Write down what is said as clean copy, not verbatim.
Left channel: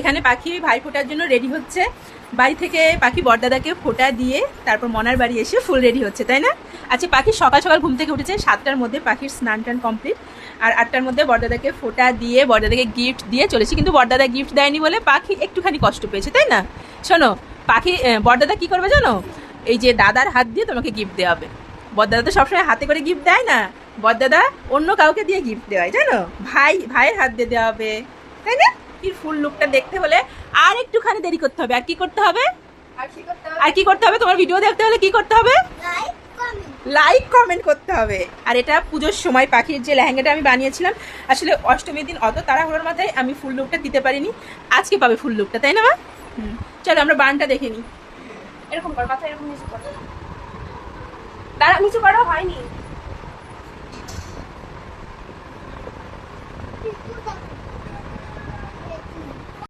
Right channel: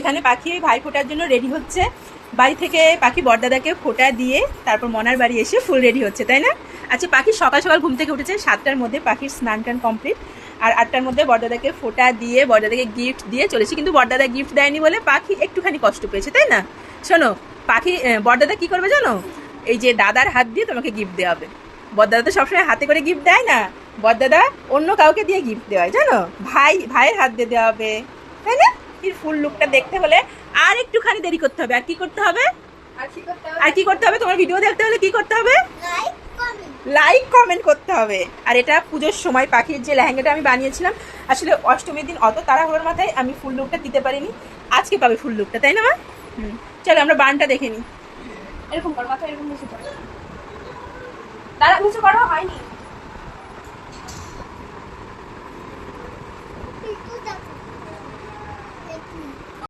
এখানে পাখি ভাই ফোটার জন্য রেডি হচ্ছে। বাড়ি থেকে পাখি বড়দাদাকে ফোটা দিয়ে তারপর মনার বাড়ি এসে ফুল রেডি হচ্ছে, তাই না? আচ্ছা, পাখি সকাল সকাল ঘুম থেকে উঠেছে, 7টার মধ্যে পাখির স্নান টান কমপ্লিট, আর 8টার মধ্যে বড়দাদাকে ফোটা দিয়ে বড়দাদাকে গিফট দিয়ে চলেছে। কিন্তু বড়দাদা গিফট দেয়নি বলে পাখি একটুখানি কষ্ট পেয়েছে, তাই না? শোনো, পাখি বড়দাদা কি করবে জানো? এই যে দাদার হাত দিয়ে তোমাকে গিফট দেওয়া হবে। বড়দাদা তো সবসময় হাতে করে গিফট দেয় না, বড়দাদা অন্য কাউকে দিয়ে গিফট দেওয়ায়, জানো? ভাইয়ের হাত দিয়ে দেওয়া হবে, তাই না? এই ফুল লুকটা দেখতে হলে আর একটুখানি দেরি করতে হবে। আর কি করতে হবে? তোমার ভিডিও দেখতে হলে কি করতে হবে? লাইক কমেন্ট করতে হবে। আর এটা পুজোর সময় পাখির যে লেহেঙ্গাটা আমি বানিয়েছিলাম, আসলে অষ্টমীর দিন অত তাড়াহুড়োর মাথায় আমি ফুল লুকটা দিতে পারিনি, আজকে পাবে ফুল লুকটা, তাই না? চলো আমরা বানটা দেখে নিই। এরকম করো, মাথা এরকম নিচু করো, দাঁড়া, নিচু করো, হয়নি।